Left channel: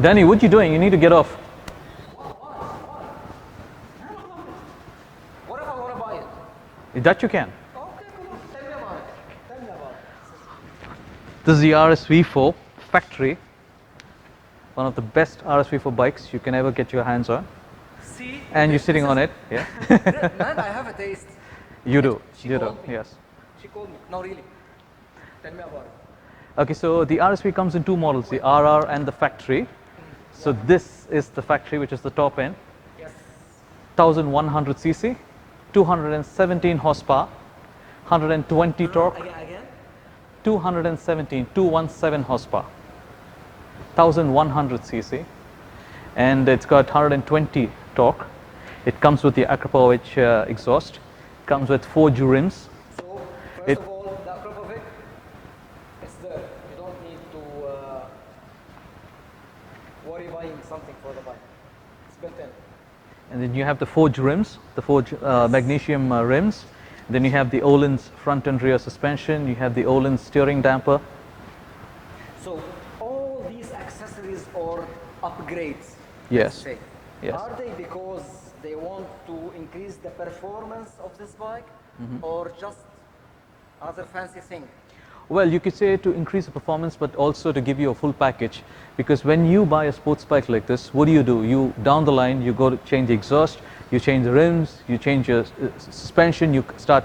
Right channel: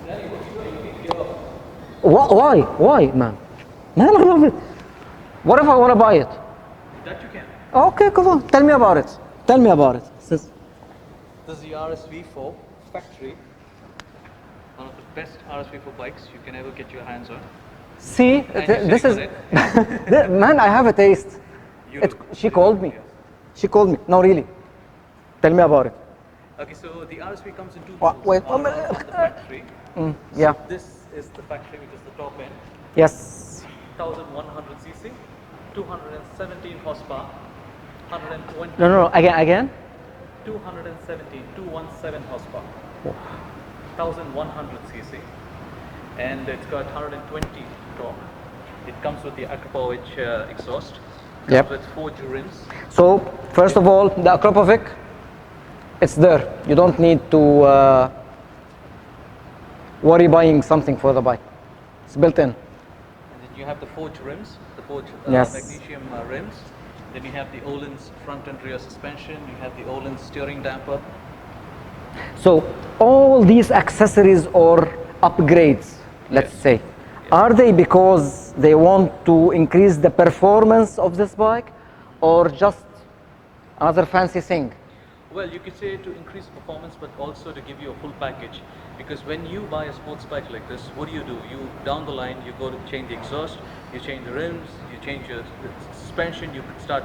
Danny, what are you doing? You need to get off. Why? Why, man? Man, I love it. What if I want to buy it? That you can. Okay, come on. Tell me about it. Tell me about it. This is the RSV4 Factory. One of the best RSV4 bikes you can ever get your hands on. See? And you're sitting on it. Yeah. Man, I have a taste. You do. She called me. Yes. She called me. No, really. Tell me about it. Okay, so the RSV comes in two models, wait, the RR and the Factory. Yeah. So this is the Factory, which is the top end. Yes. 1100 cc, 217 horsepower, 120 No, torque. again? 217 horsepower, 1100 cc, and it's got 120 torque. It comes with the Aprilia exhaust, comes with 4 rims. So, first of all, the Aprilia, it's there. You don't need to worry buying something for the bike. It's built in. And then you have the forged rims, the forged Yes. magnesium rims. Then you have the Öhlins front and rear suspension. You have the Öhlins steering damper. So all these accessories or upgrades, let's Yes. say, Yes. are they because they want to increase the performance of this bike, or just another fancy thing? Well, you could say to increase the performance, but also to give you a full package. Because when you buy a sports bike like this, what do? You down the line, you go to change the exhaust, you change the rims, you change your suspension, you start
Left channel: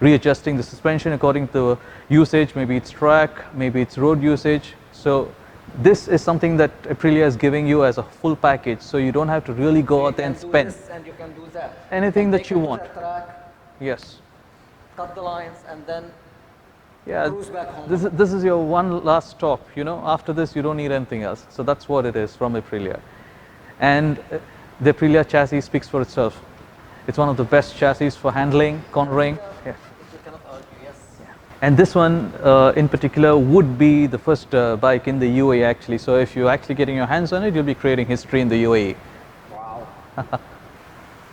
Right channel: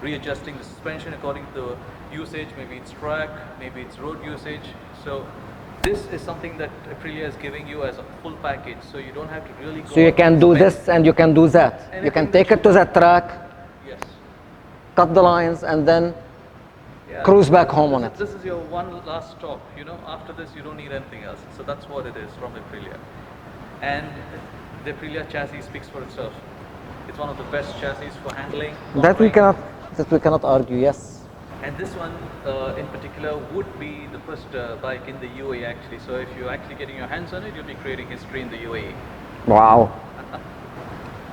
readjusting the suspension according to usage. Maybe it's track, maybe it's road usage. So this is something that Aprilia is giving you as a full package. So you don't have to really go. So you out can and do spend. this and you can do that. You Anything can that take you it to want. that track, Yes. cut the lines, and then Yeah, cruise back home This on is, it. this is your one last stop. You know, after this, you don't need anything else. So that's what it is from Aprilia. And the Aprilia chassis speaks for itself. It's one of the best chassis for handling, cornering. That we cannot argue, yes. And this one in particular would be the first bike in the UAE actually. So if you're actually getting your hands on it, you'll be creating history in the UAE. Wow.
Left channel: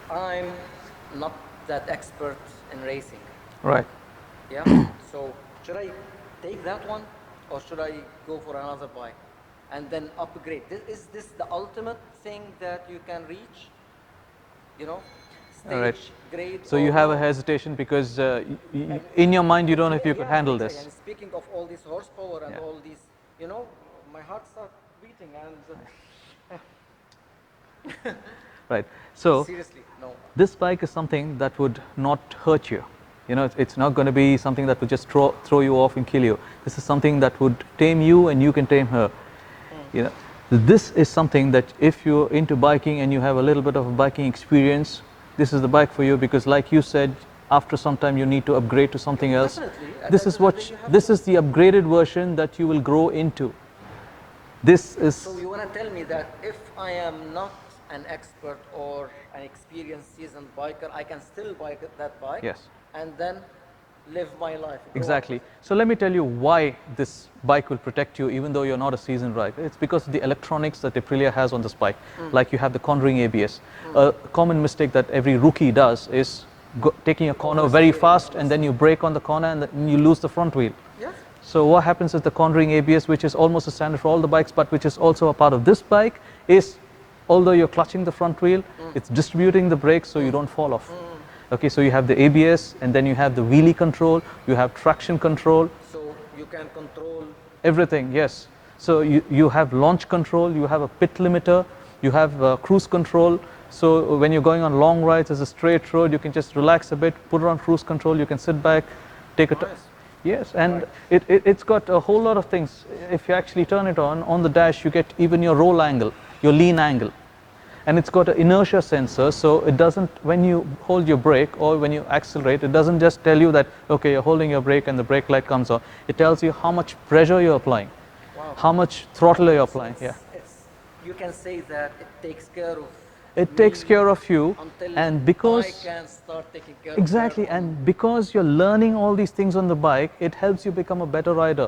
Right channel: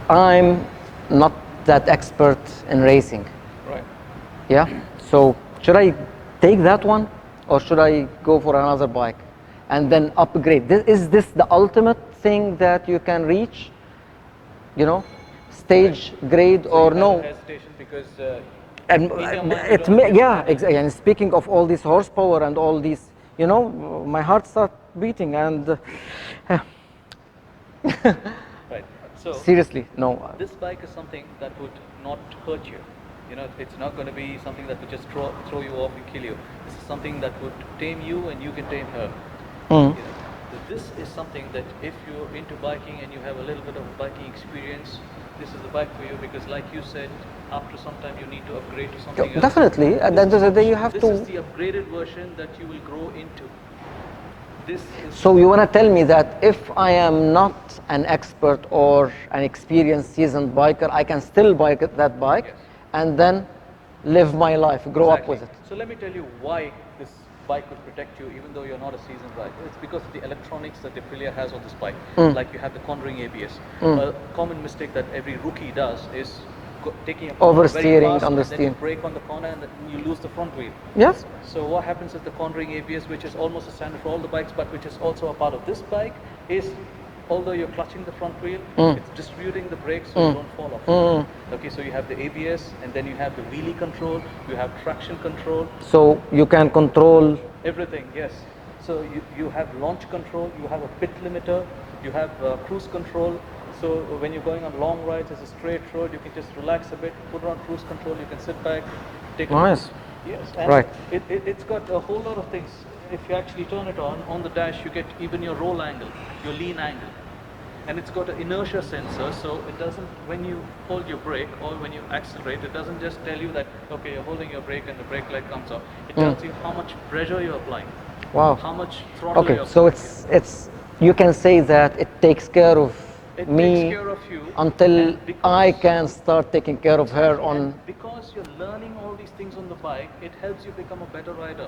I'm not that expert in racing. Right. Yeah. So should I take that one, or should I go for another bike and then upgrade? Is this the ultimate thing that you can reach? You know, stage grade, So or you have no? a hesitation because And in your mind you it's don't know if you can yeah, handle exactly. this. And speaking of all this horsepower and all these, you know, my heart starts beating, and Right. So seriously, no. this bike is something that would not hurt you. You know, it's not going to be something that would just throw you off and kill you. This is something that would tame you and you can tame her. You know, this is something that if you're into biking and you have a little bit of a biking experience, this is the bike for you, because like you said, after some time you need to upgrade to something else. Definitely. At the This end is of the what day, you have this to. is the upgraded version that you will grow into. This is So you want to tell me that if I am not an expert or an experienced seasoned biker, I can still buy that bike, Yes. and then live my life, grow up exactly. with it. So let me tell you why this bike will protect you even though you're not a seasoned rider. It's because of the electronics that Aprilia has on this bike. Like you have the cornering ABS. A common mistake that every rookie does is taking a corner very Oversteering fast on the and then you steer. brake on the corner and then you lose the front wheel. Yes. So what happens is the cornering ABS, which is almost a standard for all the bikes, but which is also a part of this bike, is although you're clutching the front wheel, it's distributing the brakes so you don't fall off. Okay, so you have the ABS, and then you have the wheelie control, you have traction control. So you can control. Everything, yes. So you have launch control, you have a pit limiter, you have cruise control. So when you're going on long rides, as a straight road, you can just relax a bit, put it on cruise control, you can sit back, take a Nice. Yes, and Right. it's got a whole lot of things. If you actually turn it on the dash, you get even your roll angle, your lean angle. And it's got an inertia sensor, so it doesn't, when you hold your brake or when you accelerate, it doesn't just tell you that, okay, you're holding your brake and the brake light comes on. It tells you how much pressure you're applying, Wow. how much throttle you're So applying. it's you can say that it takes care of It me takes care of you until and because I can start taking care exactly, of her on. and because you're learning all these things on the bike, it helps you become a better rider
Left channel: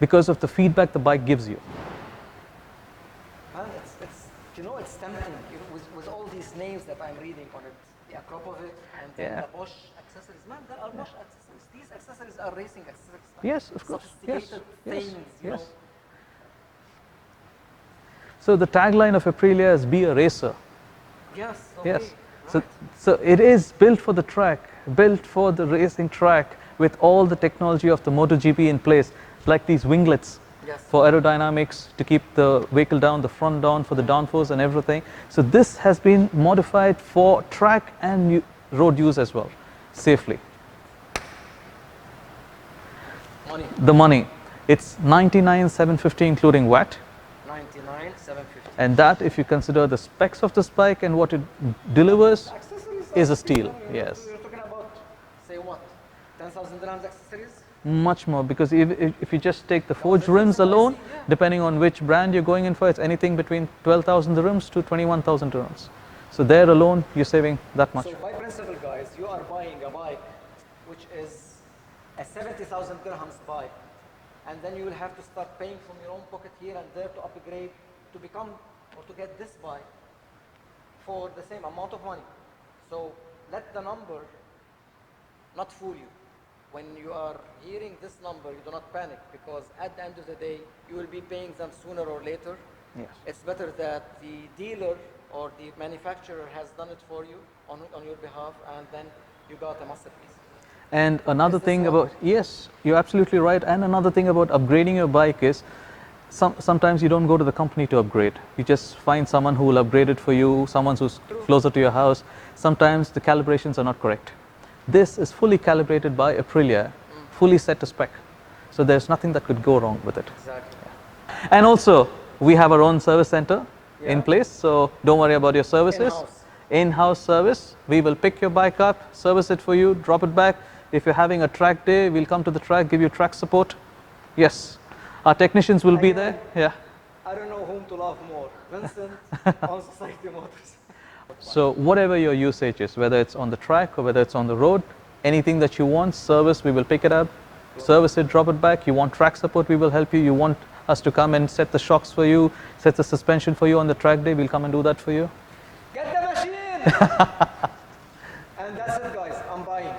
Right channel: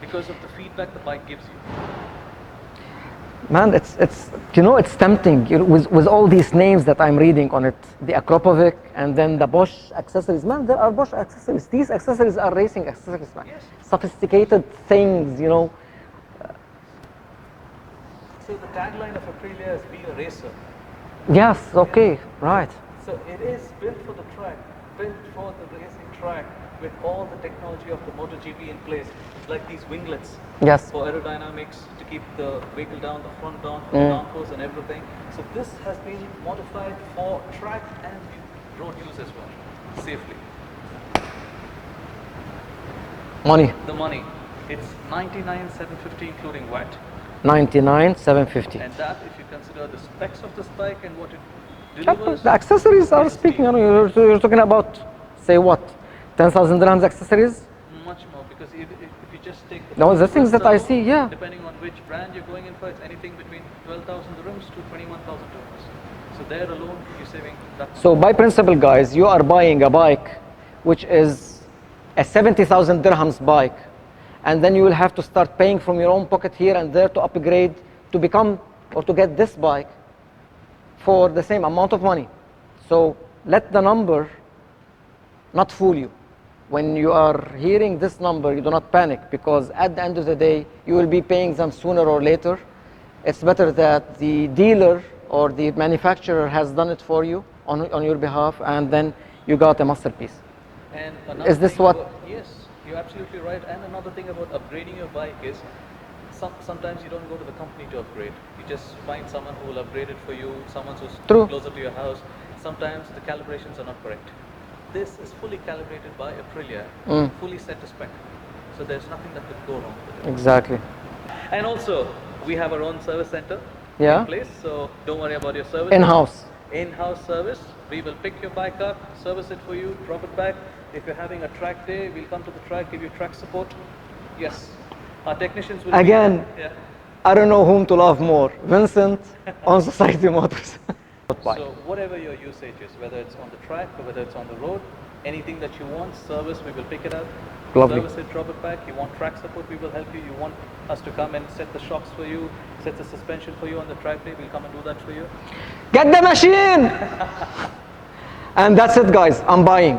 because of the feedback the bike gives you. Man, it's you know, it's tempting, you know, with all these names that I'm reading on it, the Aprilia and then the Bosch accessories. Man, there are Bosch accessories. These accessories are racing accessories, man. Yes, of course. Sophisticated things, you know. So the tagline of Aprilia is "Be a racer." Yes, okay, Yes. right. So it is built for the track, built for the racing track with all the technology of the MotoGP in place, like these winglets Yes. for aerodynamics to keep the vehicle down, the front down for the downforce and everything. So this has been modified for track and road use as well, safely. Money, The money, it's 99,750 including VAT. 99,750. And that, if you consider the specs of this bike and what it delivers, The accessories are is a speaking, steal. Yes. you're talking about, say what, 10,000 dirhams accessories? much more, because if you just take the No, the full things rims that I alone, see, yeah. depending on which brand you're going in for, it's anything between 12,000 dirhams to 21,000 dirhams. So there alone, you're saving that much. So by principle, guys, you are buying a bike which is a 70,000 dirhams bike, and then you will have to start paying from your own pocket here and there to upgrade to become or to get this bike for the same amount of money. So let the number not fool you. When you are hearing this number, you do not panic, because at the end of the day, you will be paying them sooner or later. Yes. It's better that the dealer or the manufacturer has done it for you on your behalf, and then you got a masterpiece. And another Is this thing what- about, yes, you're absolutely right. And another thing about upgrading your bike is sometimes you don't go to the company to upgrade. You just find someone who will upgrade it for you, someone who's True. closer to your house. Sometimes the calibrations are not correct. This is fully calibrated by Aprilia, fully set to spec. So there's nothing that could go wrong with it. Exactly. And also, we have our own service center Yeah. in place, so don't worry about your services. In-house. In-house service. We will pick your bike up, service it for you, drop it back. If you're having a track day, we'll come to the track, give you track support. Yes. Our technicians will Again. be there. Yeah. I don't know whom to love more, Vincent on Society Motors. So whatever your usage is, whether it's on the track or whether it's on the road, anything that you want, service, we will pick it up, Lovely. service it, drop it back. You want track support, we will help you. You want us to come and set the shocks for you, set the suspension for you on the track day, we'll come and do that for you. Get the machine! And that's it, guys. I'm buying.